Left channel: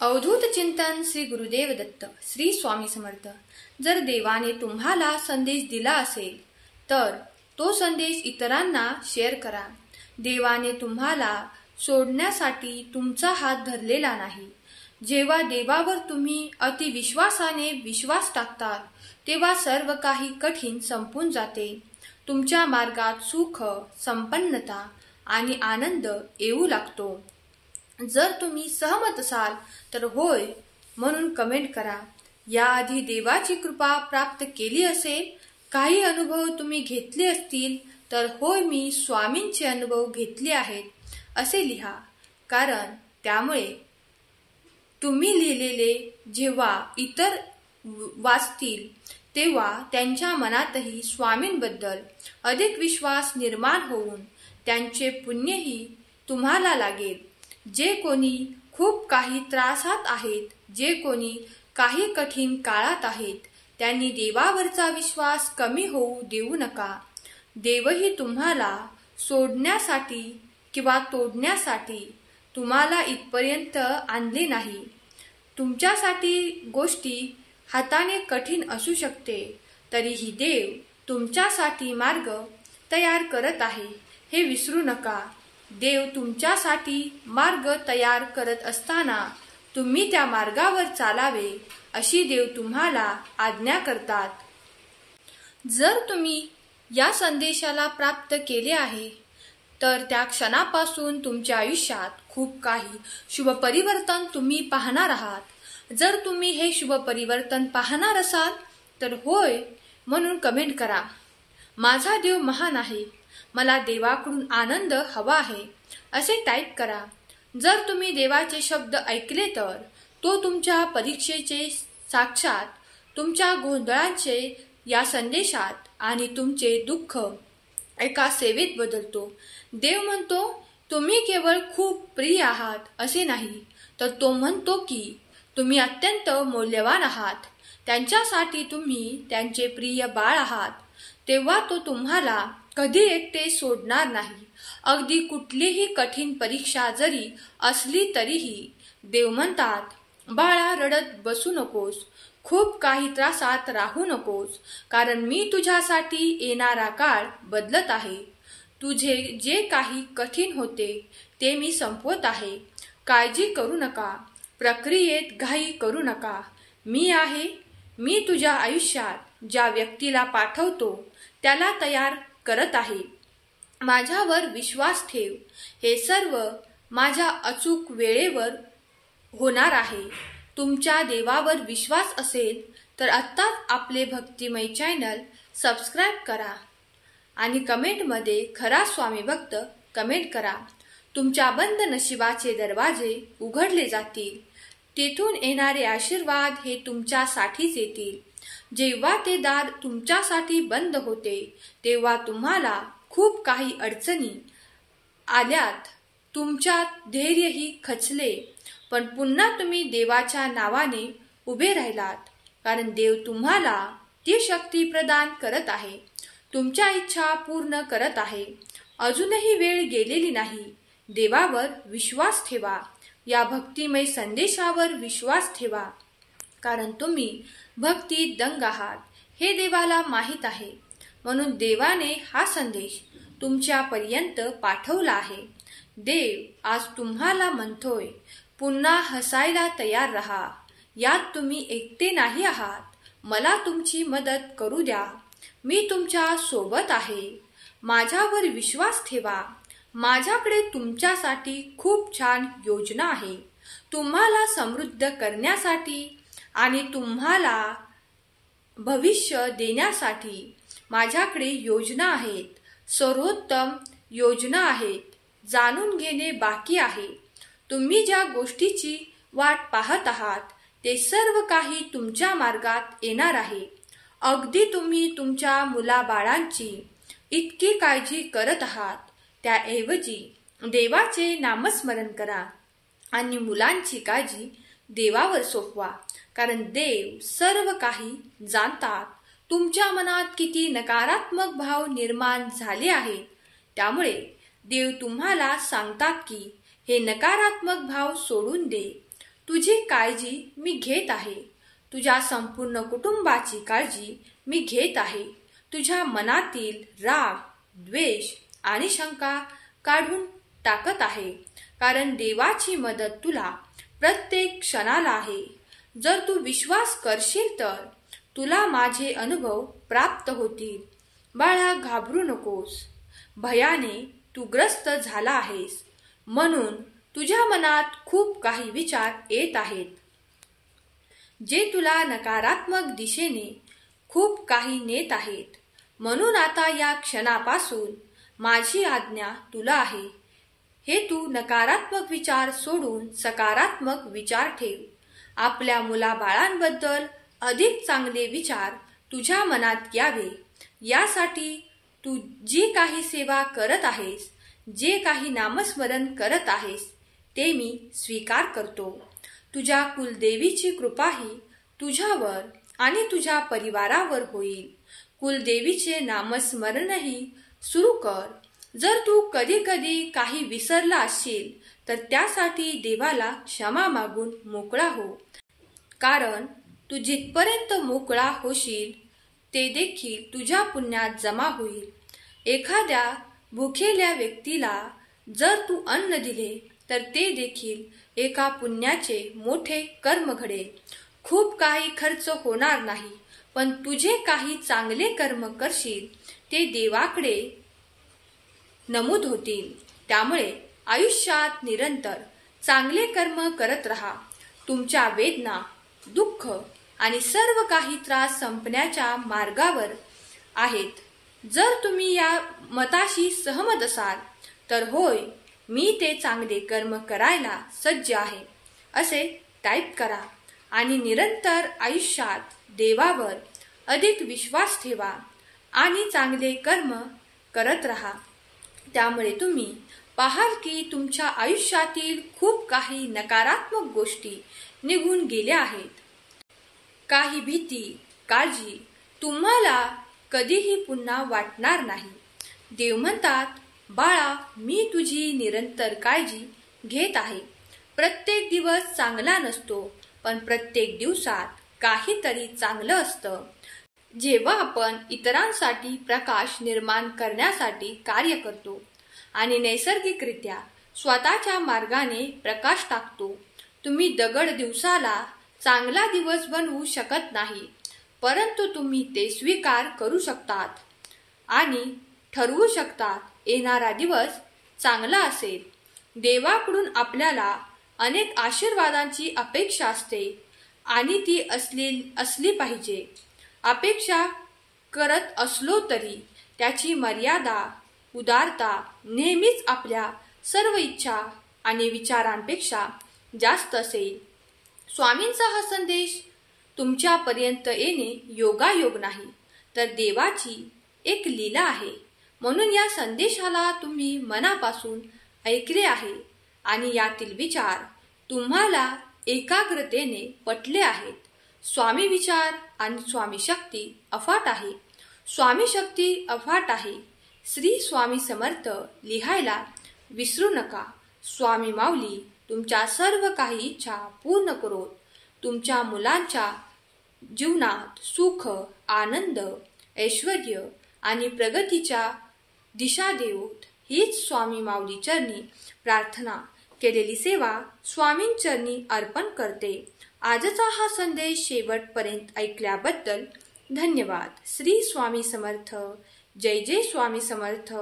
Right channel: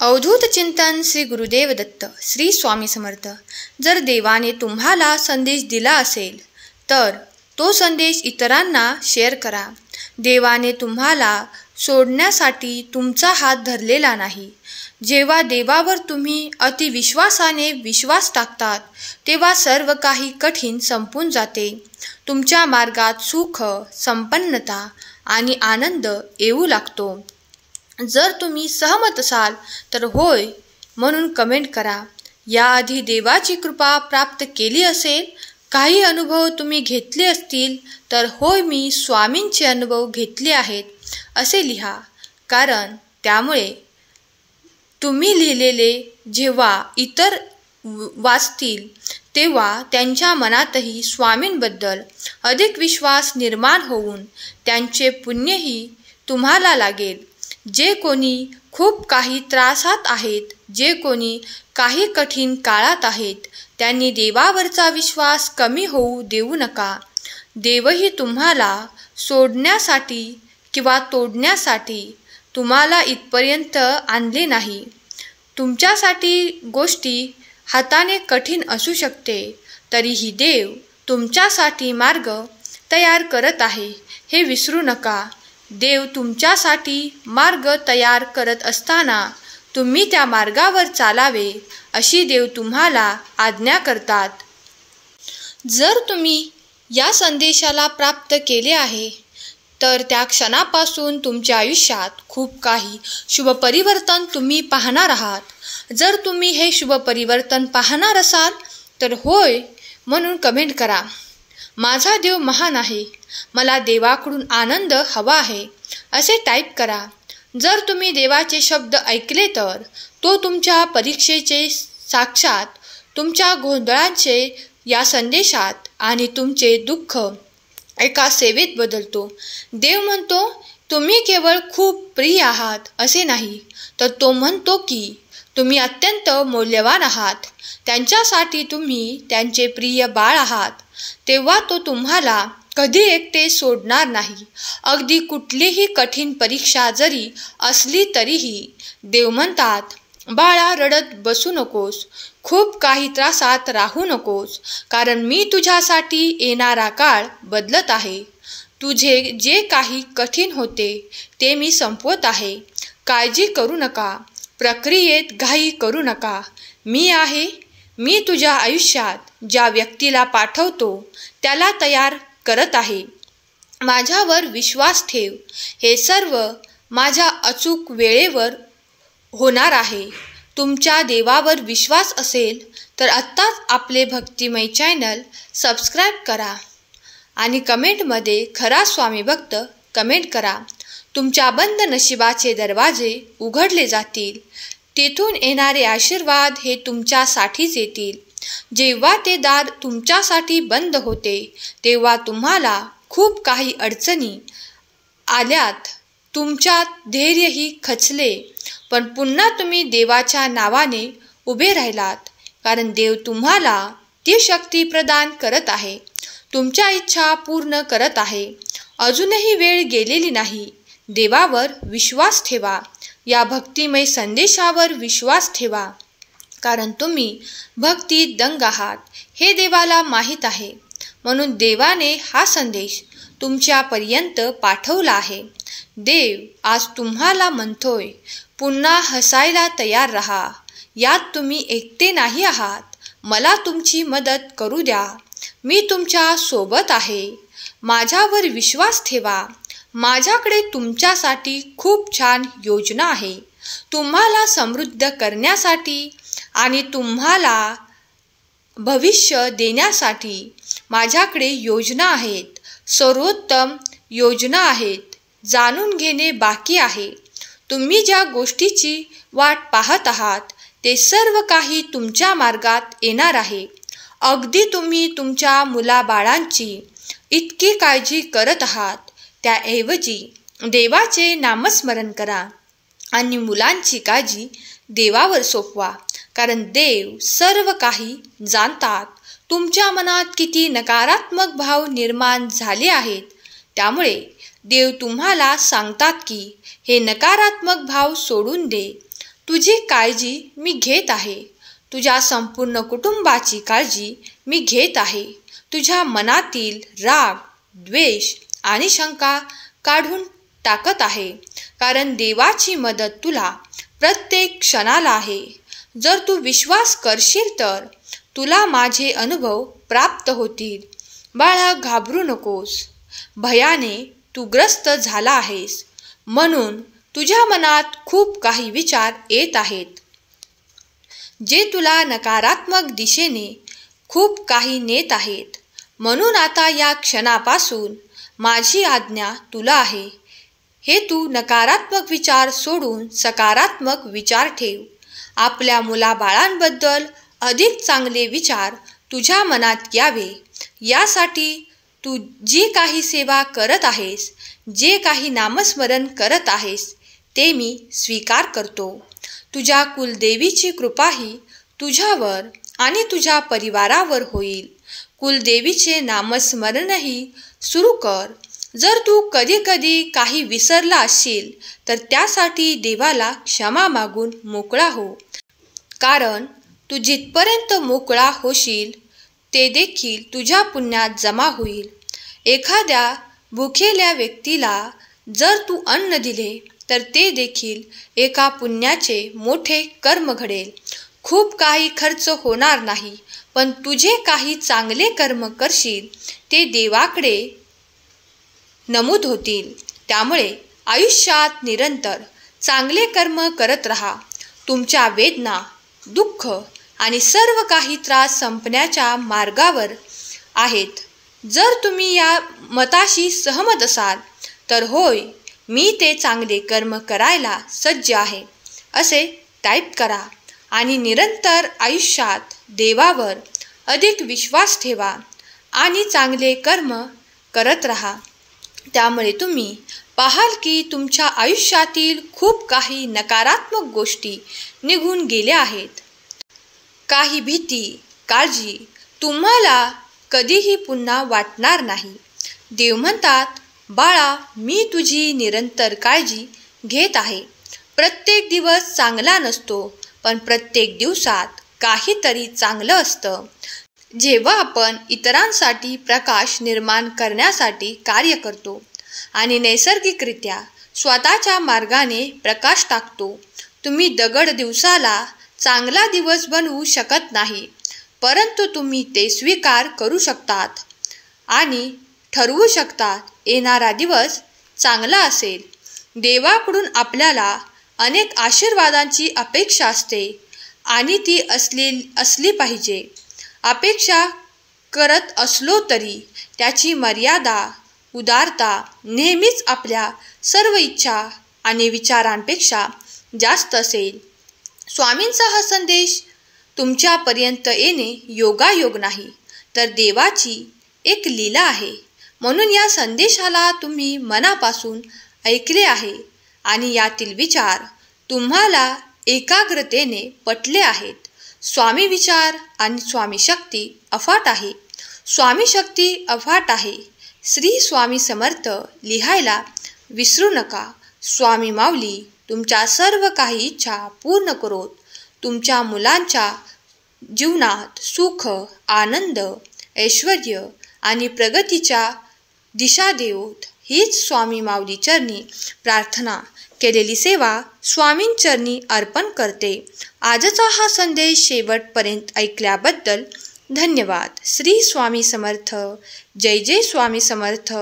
अवधूत चिंतन श्री गुरुदेव दत्त श्री स्वामी समर्थ। जर देवाने तुम्हाला संदेश दिला असेल तर तो संदेश इतरांना शेअर करा। देवाने तुम्हाला सोडण्यासाठी तुमचा हात धरलेला नाही। जेव्हा देवावर तुम्ही अतिविश्वासाने विश्वास टाकतात तेव्हा सर्व काही कठीण संपून जाते। तुमच्या मार्गात सुख, संपन्नता आणि आनंद येऊ लागतो। जर तुम्ही सहमत असाल तर होय म्हणून कमेंट करा। याआधी देवाची कृपा प्राप्त केली असेल, काही अनुभव तुम्ही घेतले असतील तर होय मी स्वामींचे अनुभव घेतले आहेत असे लिहा। कारण त्यामुळे तुम्ही लिहिलेले जेव्हा इतर वाचतील तेव्हा त्यांच्या मनातही स्वामींबद्दल अधिक विश्वास निर्माण होऊन त्यांचे पुण्यही तुम्हाला लागेल। जे कोणी खूप काही त्रासात आहेत, जे कोणी काही कठीण काळात आहेत, त्यांनी देवावरचा विश्वास कमी होऊ देऊ नका। देवही तुम्हाला सोडण्यासाठी किंवा तोडण्यासाठी तुम्हाला इथपर्यंत आणले नाही। तुमच्यासाठी गोष्टी हाताने कठीण असू शकते, तरीही देव तुमच्यासाठी मार्ग तयार करत आहे हे विसरू नका। देव तुमच्यासाठी मार्ग तयार करत असताना तुम्ही त्या मार्गावर चालावे अशी देव तुम्हाला आज्ञा करतात। जर तुम्ही या संदेशाला प्राप्त केले आहे तर त्या क्षणापासून तुमच्या आयुष्यात खूप काही शुभ परिवर्तन तुम्ही पाहणार आहात। जर तुम्ही हे शुभ परिवर्तन पाहणार असाल तर होय म्हणून कमेंट करा। माझा देव महान आहे, मला देवाकडून आनंद हवा आहे असे टाईप करा। जर तुम्ही देवाचे शब्द ऐकले तर तो तुमच्या परीक्षेचे साक्षात तुमच्या गोंधळांचे या संदेशात आणि तुमचे दुःख एका सेवेत बदलतो। देव म्हणतो तुम्ही केवळ खूप प्रिय आहात असे नाही, तर तो म्हणतो की तुम्ही अत्यंत मौल्यवान आहात। त्यांच्यासाठी तुम्ही त्यांचे प्रिय बाळ आहात। तेव्हा तो तुम्हाला कधी एकटे सोडणार नाही। अगदी कुठलीही कठीण परीक्षा जरी असली तरीही देव म्हणतात, बाळा रडत बसू नकोस, खूप काही त्रासात राहू नकोस, कारण मी तुझ्यासाठी येणारा काळ बदलत आहे। तुझे जे काही कठीण होते ते मी संपवत आहे। काळजी करू नका, प्रक्रियेत घाई करू नका। मी आहे, मी तुझ्या आयुष्यात ज्या व्यक्तीला पाठवतो त्याला तयार करत आहे। माझ्यावर विश्वास ठेव, हे सर्व माझ्या अचूक वेळेवर होणार आहे। तुमच्या देवावर विश्वास असेल तर आत्ताच आपले भक्तिमय चॅनल सबस्क्राईब करा आणि कमेंटमध्ये खरा स्वामी भक्त कमेंट करा। तुमच्या बंद नशिबाचे दरवाजे उघडले जातील, तेथून येणारे आशीर्वाद हे तुमच्यासाठीच येतील। जेव्हा ते दार तुमच्यासाठी बंद होते तेव्हा तुम्हाला खूप काही अडचणी आल्यात, तुमच्यात धैर्यही खचले, पण पुन्हा तुम्ही देवाच्या नावाने उभे राहिलात, कारण देव तुम्हाला ती शक्ती प्रदान करत आहे, तुमच्या इच्छा पूर्ण करत आहे। अजूनही वेळ गेलेली नाही। देवावर विश्वास ठेवा, या भक्तिमय संदेशावर विश्वास ठेवा, कारण तुम्ही भक्तीत दंग आहात हे देवाला माहीत आहे। म्हणून देवाने हा संदेश तुमच्यापर्यंत पाठवला आहे। देव आज तुम्हाला म्हणतोय, पुन्हा हसायला तयार रहा। यात तुम्ही एकटे नाही आहात। मला तुमची मदत करू द्या, मी तुमच्या सोबत आहे। माझ्यावर विश्वास ठेवा, माझ्याकडे तुमच्यासाठी खूप छान योजना आहे। तुम्हाला समृद्ध करण्यासाठी आणि तुम्हाला भविष्य देण्यासाठी माझ्याकडे योजना आहेत, सर्वोत्तम योजना आहेत। जाणून घेणे बाकी आहे। तुम्ही ज्या गोष्टीची वाट पाहत आहात ते सर्व काही तुमच्या मार्गात येणार आहे। अगदी तुम्ही तुमच्या मुलाबाळांची इतकी काळजी करत आहात, त्याऐवजी देवाचे नामस्मरण करा आणि मुलांची काळजी देवावर सोपवा, कारण देव सर्व काही जाणतात। तुमच्या मनात किती नकारात्मक भाव निर्माण झाले आहेत, त्यामुळे देव तुम्हाला सांगतात की हे नकारात्मक भाव सोडून दे। तुझी काळजी मी घेत आहे. तुझ्या संपूर्ण कुटुंबाची काळजी मी घेत आहे. तुझ्या मनातील राग, द्वेष आणि शंका काढून टाकत आहे. कारण देवाची मदत तुला प्रत्येक क्षणाला आहे. जर तू विश्वास करशील तर तुला माझे अनुभव प्राप्त होतील. बाळा, घाबरू नकोस. भयाने तू ग्रस्त झाला आहेस म्हणून तुझ्या मनात खूप काही विचार येत आहेत, जे तुला नकारात्मक दिशेने खूप काही नेत आहेत. म्हणून आता या क्षणापासून माझी आज्ञा तुला आहे. हे तू नकारात्मक विचार सोडून सकारात्मक विचार ठेव. आपल्या मुलाबाळांबद्दल अधिक चांगले विचार तुझ्या मनात यावे यासाठी तू जी काही सेवा करत आहेस, जे काही नामस्मरण करत आहेस, ते मी स्वीकार करतो. तुझ्या कुलदेवीची कृपाही तुझ्यावर आणि तुझ्या परिवारावर होईल. कुलदेवीचे नामस्मरणही सुरू कर. जर तू कधी कधी काही विसरला असशील तर त्यासाठी देवाला क्षमा मागून मोकळा हो. कारण तू जिथपर्यंत मोकळा होशील ते देखील तुझ्या पुण्यात जमा होईल. एखाद्या भुकेल्या व्यक्तीला जर तू अन्न दिले तर ते देखील एका पुण्याचे मोठे कर्म घडेल. खूप काही खर्च होणार नाही, पण तुझे काही चांगले कर्म करशील ते देवाकडे नमूद होतील. त्यामुळे आयुष्यात निरंतर चांगले कर्म करत राहा. तुमच्या वेदना, दुःख आणि सर्व काही त्रास संपण्याच्या मार्गावर आहेत. जर तुम्ही या मताशी सहमत असाल तर होय, मी ते चांगले कर्म करायला सज्ज आहे असे टाईप करा आणि निरंतर आयुष्यात देवावर अधिक विश्वास ठेवा आणि चांगले कर्म करत राहा. त्यामुळे तुम्ही पाहाल की तुमच्या आयुष्यातील खूप काही नकारात्मक गोष्टी निघून गेल्या आहेत. काही भीती, काळजी तुम्हाला कधीही पुन्हा वाटणार नाही. देव म्हणतात, बाळा, मी तुझी निरंतर काळजी घेत आहे. प्रत्येक दिवस चांगला नसतो, पण प्रत्येक दिवसात काहीतरी चांगलं असतं. जेव्हा आपण इतरांसाठी प्रकाश निर्माण करण्यासाठी कार्य करतो आणि नैसर्गिकरित्या स्वतःच्या मार्गाने प्रकाश टाकतो. तुम्ही दगड दिवसाला चांगला दिवस बनवू शकत नाही, परंतु तुम्ही ते स्वीकार करू शकतात आणि ठरवू शकतात येणारा दिवस चांगला असेल. देवाकडून आपल्याला अनेक आशीर्वादांची अपेक्षा असते आणि ती असली पाहिजे. अपेक्षा करत असलो तरी त्याची मर्यादा, उदारता नेहमीच आपल्या सर्व इच्छा आणि विचारांपेक्षा जास्त असेल. स्वामींचा हा संदेश तुमच्यापर्यंत येणे योगायोग नाही, तर देवाची एक लीला आहे. म्हणून या संदेशाला तुम्ही मनापासून ऐकले आहे आणि यातील विचार तुम्हाला एकाग्रतेने पटले आहेत. स्वामी विचार आणि स्वामी शक्ती अफाट आहे. स्वामी शक्ती अफाट आहे. श्री स्वामी समर्थ लिहायला विसरू नका. स्वामी माऊली तुमच्या सर्व काही इच्छा पूर्ण करोत. तुमच्या मुलांच्या जीवनात सुख, आनंद, ऐश्वर्य आणि प्रगतीच्या दिशा देवोत. हीच स्वामी माऊली चरणी प्रार्थना केलेली सेवा स्वामींचरणी अर्पण करते. आजचा हा संदेश शेवटपर्यंत ऐकल्याबद्दल धन्यवाद. श्री स्वामी समर्थ. जय जय स्वामी समर्थ.